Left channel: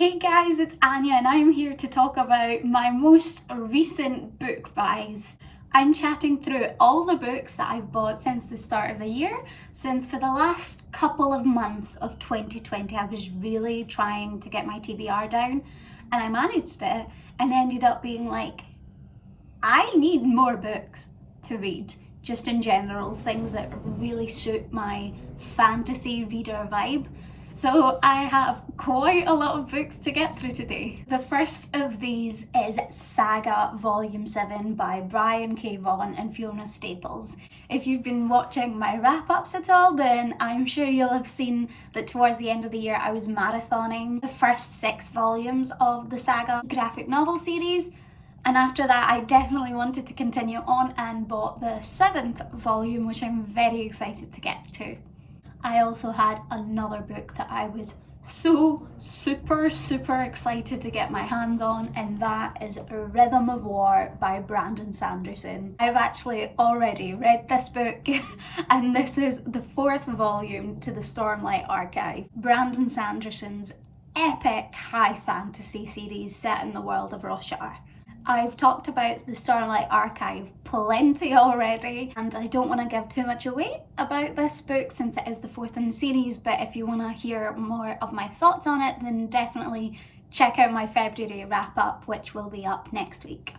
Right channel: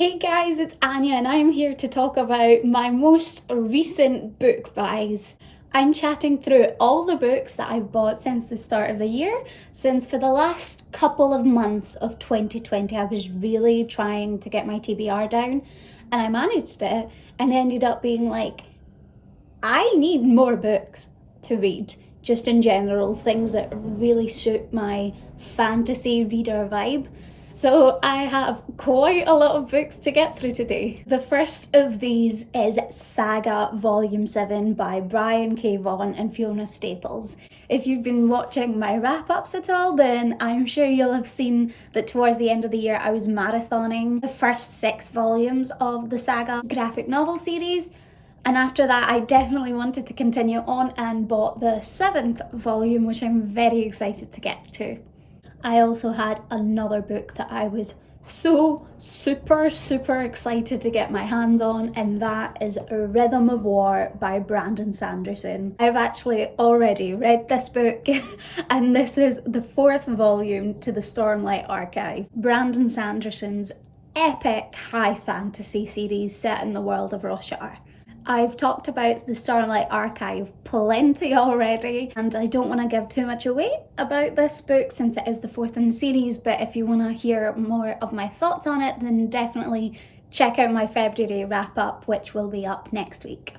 Hey guys, it's Anya and I'm here to talk about my most recent book buys. I'm chatting through all the books that I've bought since the start of the year, since for the last couple of months of 2020 I was really trying to get my TBR down and I managed it and ended up being like, I need more books to read, just in general, things that really suit my fantasy reader vibe. So I have quite a lot of books to get through today. The first of these is Saga Volume 7 by Brian K. Vaughan and Fiona Staples. If you've been watching my wrap-ups at all, then I'm sure you'll have seen that towards the end of the year I was marathoning the first 6 volumes of the Saga graphic novel series. And after that, I definitely wanted to continue on and bought the 7th volume, which I'm very excited to get to. I also had another book that I was so super excited to get my hands on, and that is Rhythm of War by Brandon Sanderson. I've actually already read this book and this is the 4th volume to the Stormlight Archive, Brandon Sanderson's epic high fantasy series set in the world of Roshar. I've talked about the Stormlight Archive plenty already, and I don't want to give too much away about this book since it is the 4th in the series, but if you want to hear more of my thoughts on it, then definitely check out my February wrap-up, which will be up next week.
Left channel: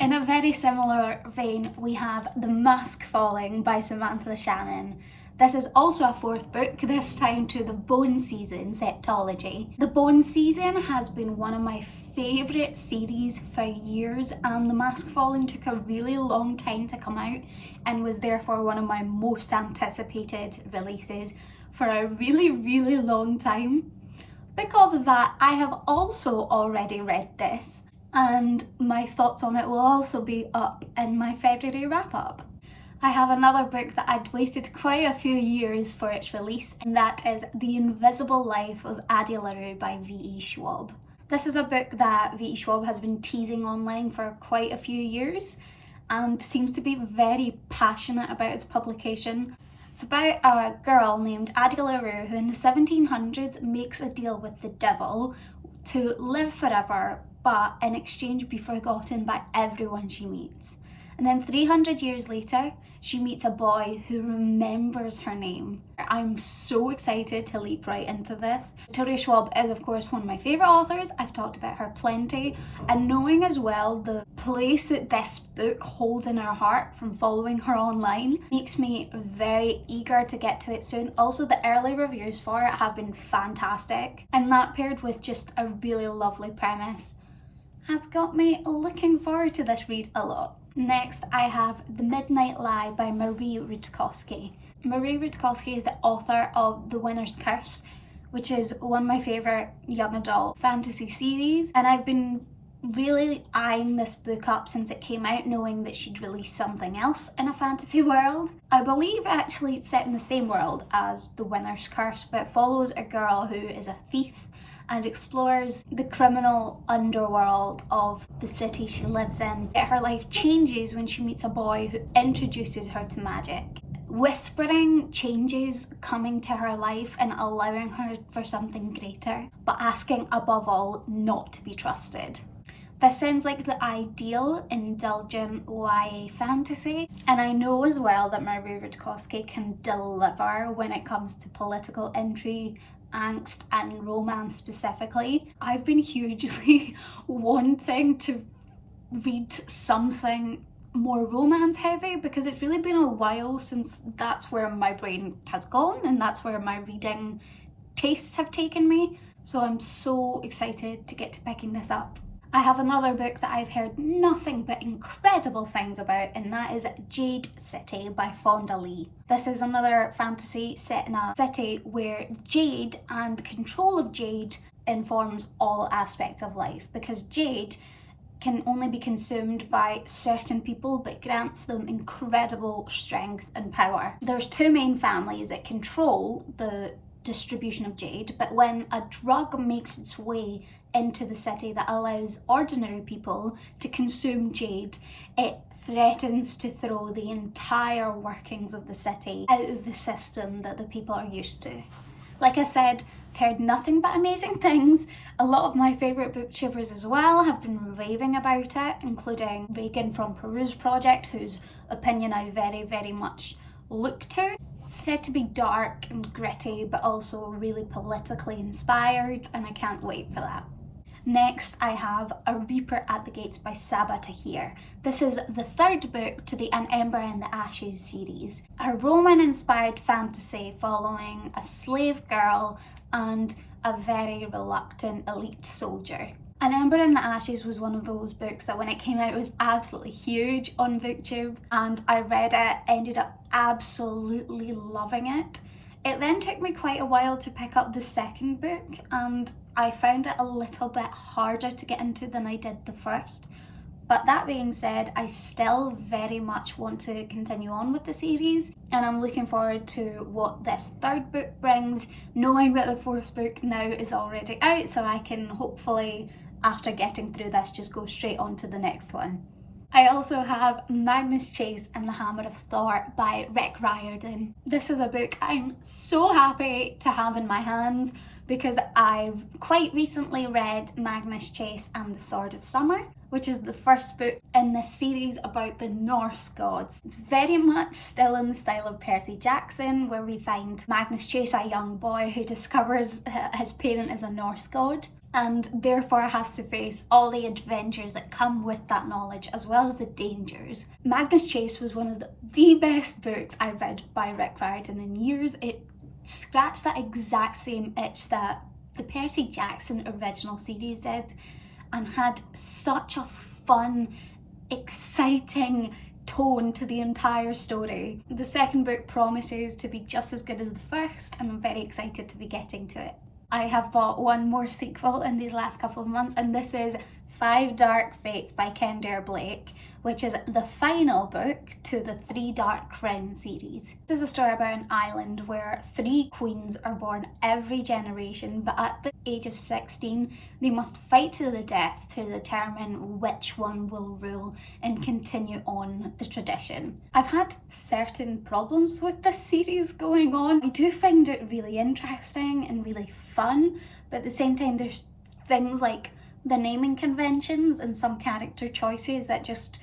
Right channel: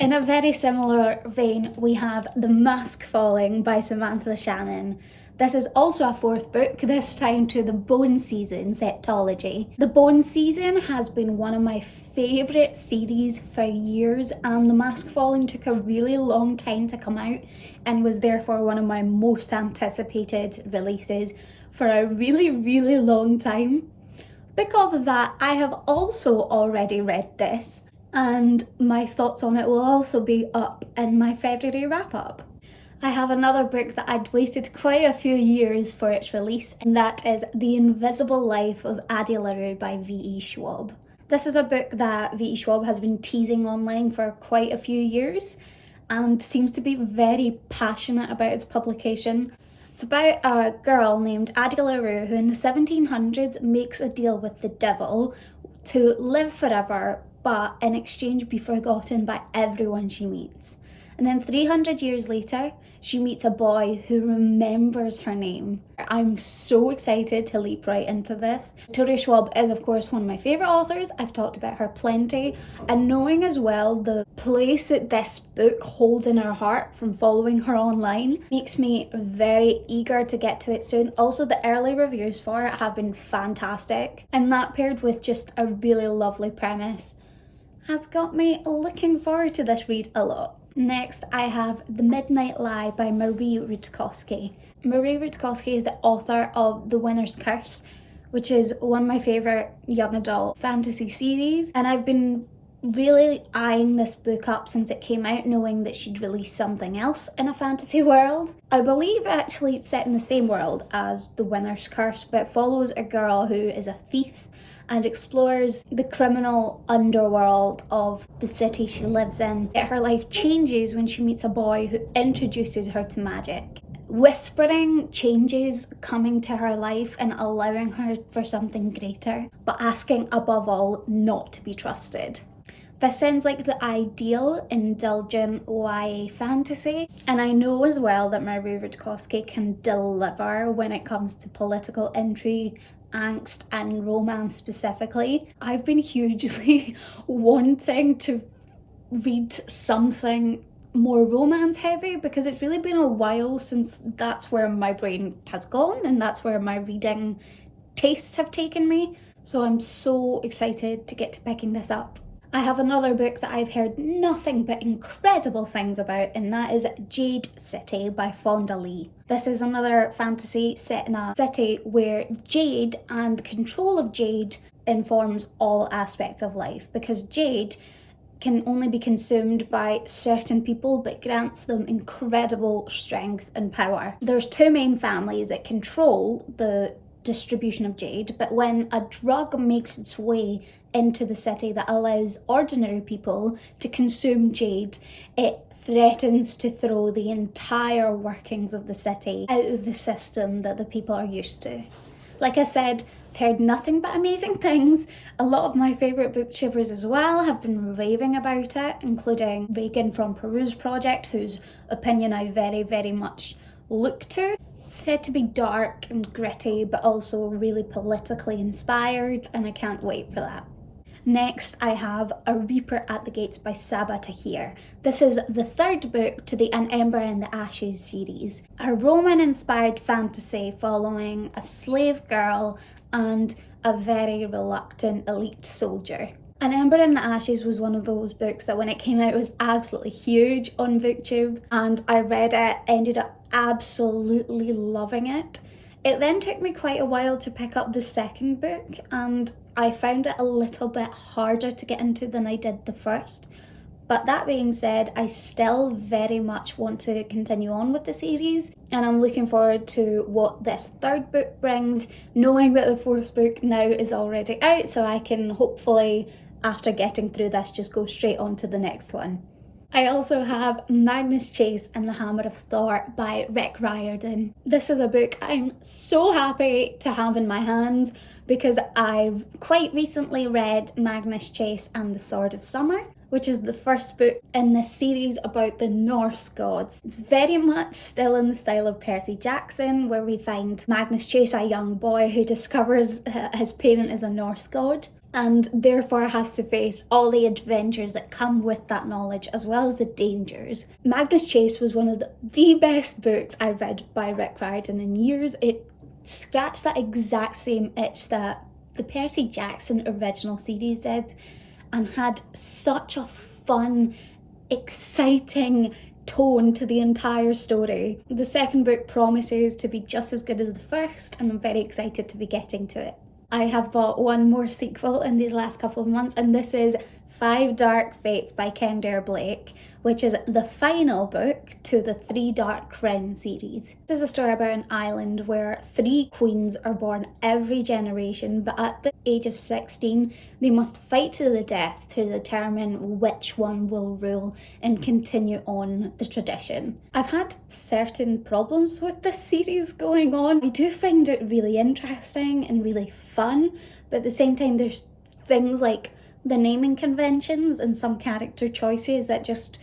In a very similar vein, we have The Mask Falling by Samantha Shannon. This is also a 4th book, this time to the Bone Season septology. The Bone Season has been one of my favourite series for years, and The Mask Falling took a really long time to come out and was therefore one of my most anticipated releases for a really long time. Because of that, I have also already read this, and my thoughts on it will also be up in my February wrap-up. I have another book that I'd waited quite a few years for its release, and that is The Invisible Life of Addie LaRue by V.E. Schwab. This is a book that V.E. Schwab has been teasing online for quite a few years and seems to be very passionate about its publication. It's about a girl named Addie LaRue who in the 1700s makes a deal with the devil to live forever, but in exchange be forgotten by everyone she meets. And then 300 years later, she meets a boy who remembers her name. I'm so excited to leap right into this. Victoria Schwab is of course one of my favourite authors. I've talked about her plenty, and knowing as well the place that this book holds in her heart from following her online makes me very eager to get to it soon. Also, the early reviews for it have been fantastic, and that paired with just a really lovely premise has got me looking forward to this read a lot. Next, I have The Midnight Lie by Marie Rudkowski. Marie Rudkowski is the author of The Winner's Curse, which is one of my favourite young adult fantasy series, and I've been really eyeing this book up since it came out, knowing that she'd release something else in a fantasy world. I believe actually it's set in the same world as The Winner's Curse, but it follows a girl who is a thief and explores the criminal underworld of the city she lives in. Her life changes when she meets a boy who introduces her to magic. Whispering changes coming to her life and allowing her for something greater, but asking above all not to be trusted. This sounds like the ideal indulgent YA fantasy, and I know as well that Marie Rudkowski can deliver when it comes to political intrigue, angst and romance specifically. I've been hugely wanting to read something more romance heavy because it's really been a while since that's where my brain has gone and that's where my reading tastes have taken me. So I'm so excited to get to picking this up. I have another book that I've heard nothing but incredible things about, and that is Jade City by Fonda Lee. This is another fantasy set in a city where Jade and the control of Jade informs all aspects of life, because Jade can only be consumed by certain people but grants them incredible strength and power. There's 2 main families that control the distribution of jade, but when a drug makes its way into the city that allows ordinary people to consume jade, it threatens to throw the entire workings of the city out of the system that the people are used to. Like I said, I've heard nothing but amazing things. A lot of my favourite booktubers as well have been raving about it, including Reagan from Peruse Project, whose opinion I very, very much look to. It's said to be dark and gritty, but also really politically inspired, and I can't wait for that. Next, I have A Reaper at the Gates by Sabaa Tahir. This is the third book to the An Ember in the Ashes series, a Roman-inspired fantasy following a slave girl and a very reluctant elite soldier. An Ember in the Ashes was one of those books that when it came out was absolutely huge on BookTube, and I read it, ended up absolutely loving it. It then took me quite a while to pick up the second book, and I found it a little bit harder to get into than I did the first. But that being said, I still very much want to continue on with the series, and I'm looking forward to what this third book brings, knowing that the fourth book now is already out, so I can hopefully, after getting through this, just go straight on to the next one. I also have Magnus Chase and the Hammer of Thor by Rick Riordan. This is a book I'm so happy to have in my hands because I quite recently read Magnus Chase and the Sword of Summer, which is the first book in this series about the Norse gods. It's very much still in the style of Percy Jackson, where we find Magnus Chase, a young boy who discovers his parent is a Norse god, and therefore has to face all the adventures that come with that knowledge, as well as the dangers. Magnus Chase was one of the best books I've read by Rick Riordan in years. It scratched that exact same itch that the Percy Jackson original series did, and had such a fun, exciting tone to the entire story. The second book promises to be just as good as the first, and I'm very excited to be getting to it. I have bought one more sequel in these last couple of months, and this is Five Dark Fates by Kendare Blake, which is the final book to the Three Dark Crown series. This is a story about an island where 3 queens are born every generation, but at the age of 16, they must fight to the death to determine which one will rule and continue on the tradition. I've had certain problems with this series going on. I do find it really interesting and really fun, but at the same time there's things like the naming conventions and some character choices that just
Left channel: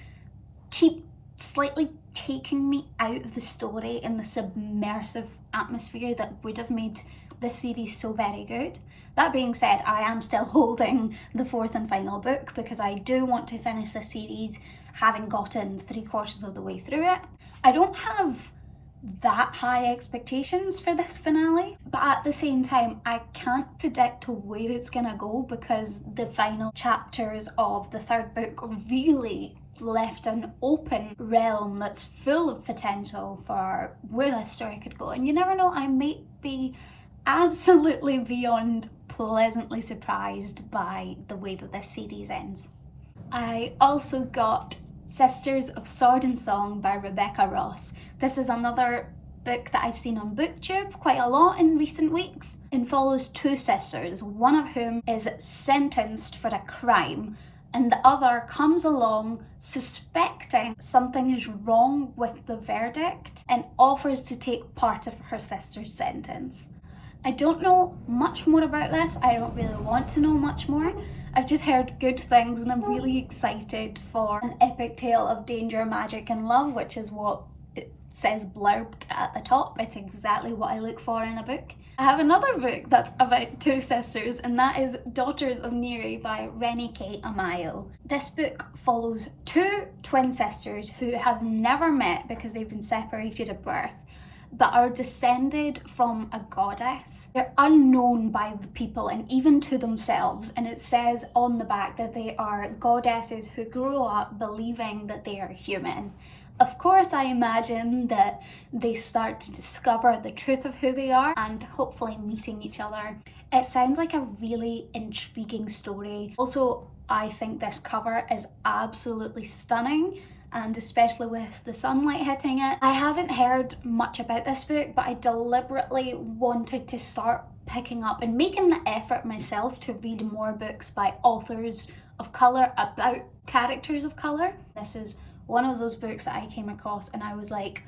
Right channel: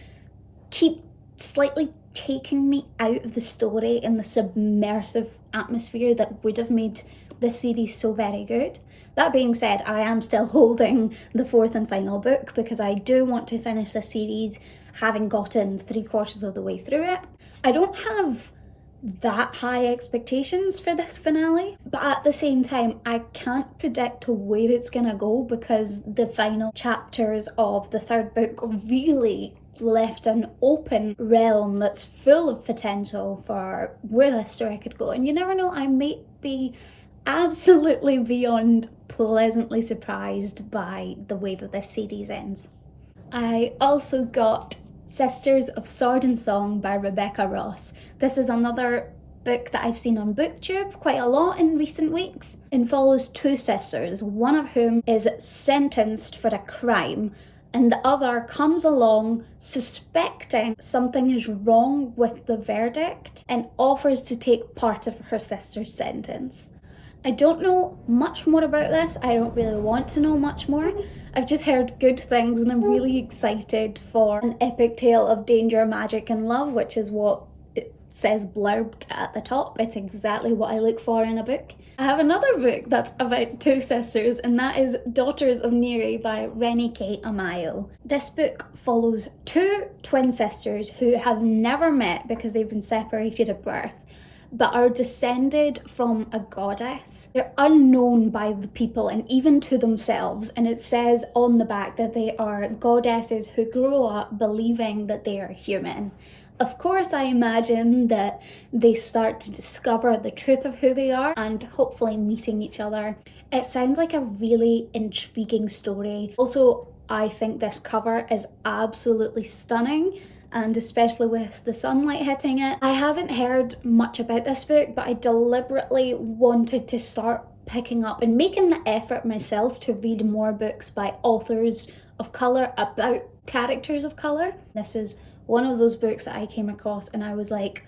keep slightly taking me out of the story and the submersive atmosphere that would have made this series so very good. That being said, I am still holding the fourth and final book because I do want to finish this series having gotten 3/4 of the way through it. I don't have that high expectations for this finale, but at the same time I can't predict where it's gonna go because the final chapters of the third book really left an open realm that's full of potential for where this story could go, and you never know, I might be absolutely beyond pleasantly surprised by the way that this series ends. I also got Sisters of Sword and Song by Rebecca Ross. This is another book that I've seen on BookTube quite a lot in recent weeks, and follows 2 sisters, one of whom is sentenced for a crime and the other comes along suspecting something is wrong with the verdict and offers to take part of her sister's sentence. I don't know much more about this. I don't really want to know much more. I've just heard good things and I'm really excited for an epic tale of danger, magic and love, which is what it says blurbed at the top. It's exactly what I look for in a book. I have another book that's about 2 sisters, and that is Daughters of Neri by Renike Amayo. This book follows 2 twin sisters who have never met because they've been separated at birth, but are descended from a goddess. They're unknown by the people and even to themselves, and it says on the back that they are goddesses who grow up believing that they are human. Of course, I imagine that they start to discover the truth of who they are and hopefully meeting each other. It sounds like a really intriguing story. Also, I think this cover is absolutely stunning, and especially with the sunlight hitting it. I haven't heard much about this book, but I deliberately wanted to start picking up and making the effort myself to read more books by authors of colour about characters of colour. This is one of those books that I came across and I was like,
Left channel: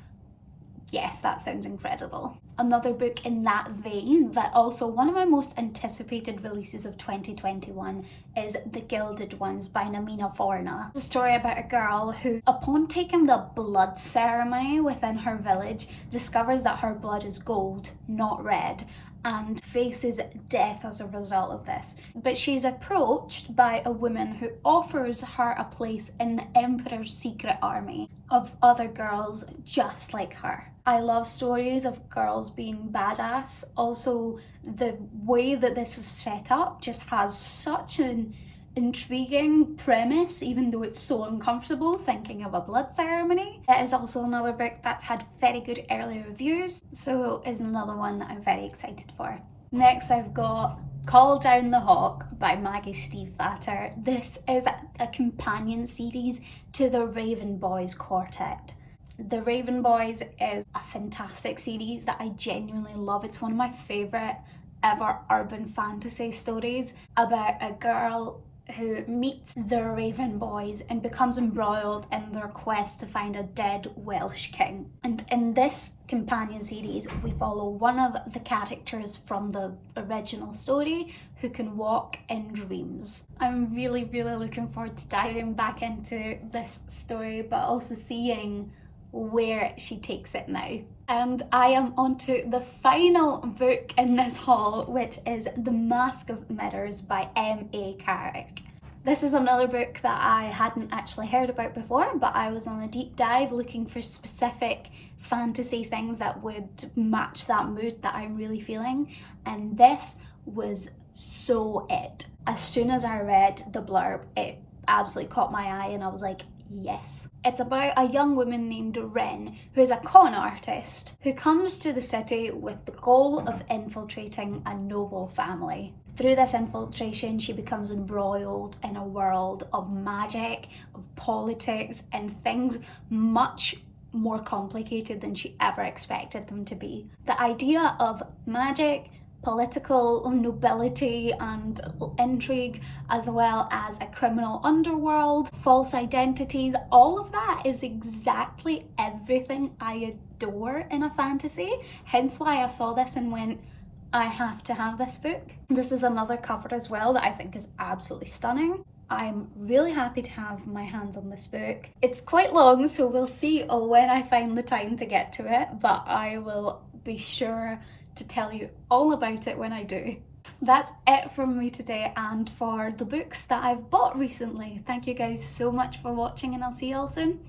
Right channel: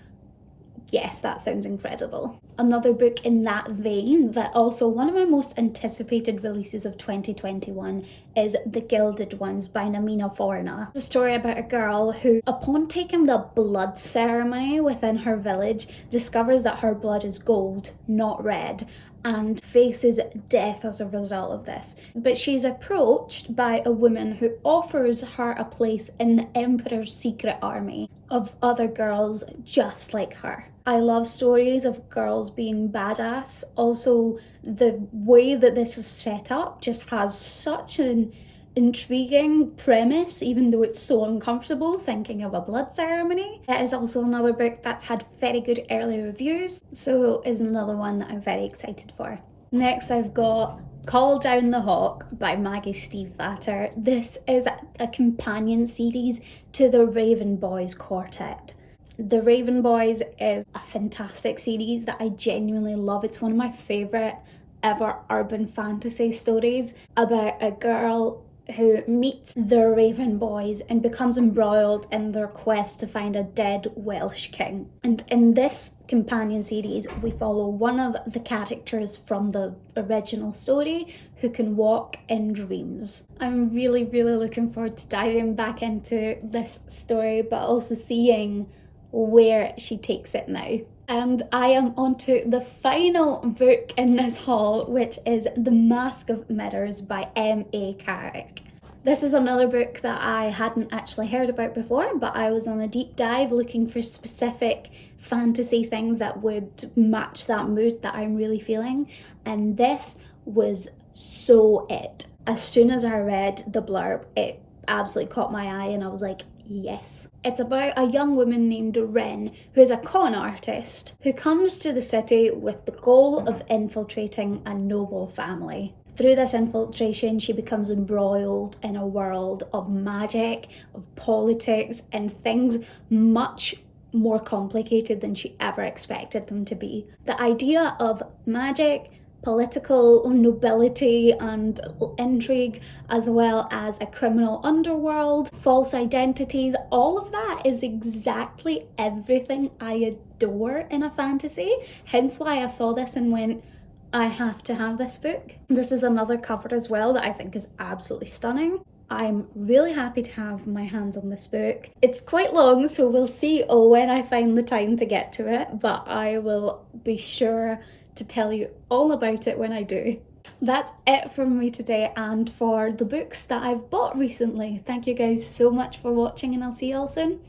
yes, that sounds incredible. Another book in that vein, but also one of my most anticipated releases of 2021 is The Gilded Ones by Namina Forna. It's a story about a girl who, upon taking the blood ceremony within her village, discovers that her blood is gold, not red, and faces death as a result of this. But she's approached by a woman who offers her a place in the Emperor's secret army of other girls just like her. I love stories of girls being badass. Also, the way that this is set up just has such an intriguing premise, even though it's so uncomfortable thinking of a blood ceremony. It is also another book that's had very good early reviews, so is another one that I'm very excited for. Next I've got Call Down the Hawk by Maggie Stiefvater. This is a companion series to the Raven Boys Quartet. The Raven Boys is a fantastic series that I genuinely love. It's one of my favourite ever urban fantasy stories about a girl who meets the Raven Boys and becomes embroiled in their quest to find a dead Welsh king. And in this companion series, we follow one of the characters from the original story who can walk in dreams. I'm really looking forward to diving back into this story, but also seeing where she takes it now. And I am onto the final book in this haul, which is The Mask of Mirrors by M.A. Carrick. This is another book that I hadn't actually heard about before, but I was on a deep dive looking for specific fantasy things that would match that mood that I'm really feeling, and this was so it. As soon as I read the blurb, it absolutely caught my eye and I was like, yes. It's about a young woman named Ren, who is a con artist, who comes to the city with the goal of infiltrating a noble family. Through this infiltration, she becomes embroiled in a world of magic, of politics, and things much more complicated than she ever expected them to be. The idea of magic, political nobility and intrigue, as well as a criminal underworld, false identities, all of that is exactly everything I adore in a fantasy. Hence why I saw this and went, I have to have this book. This is another cover as well that I think is absolutely stunning. I'm really happy to have my hands on this book. It's quite long, so we'll see when I find the time to get to it, but I will be sure to tell you all about it when I do. That's it from me today and for the books that I've bought recently. Thank you guys so much for watching and I'll see you all soon.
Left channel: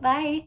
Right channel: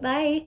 Bye!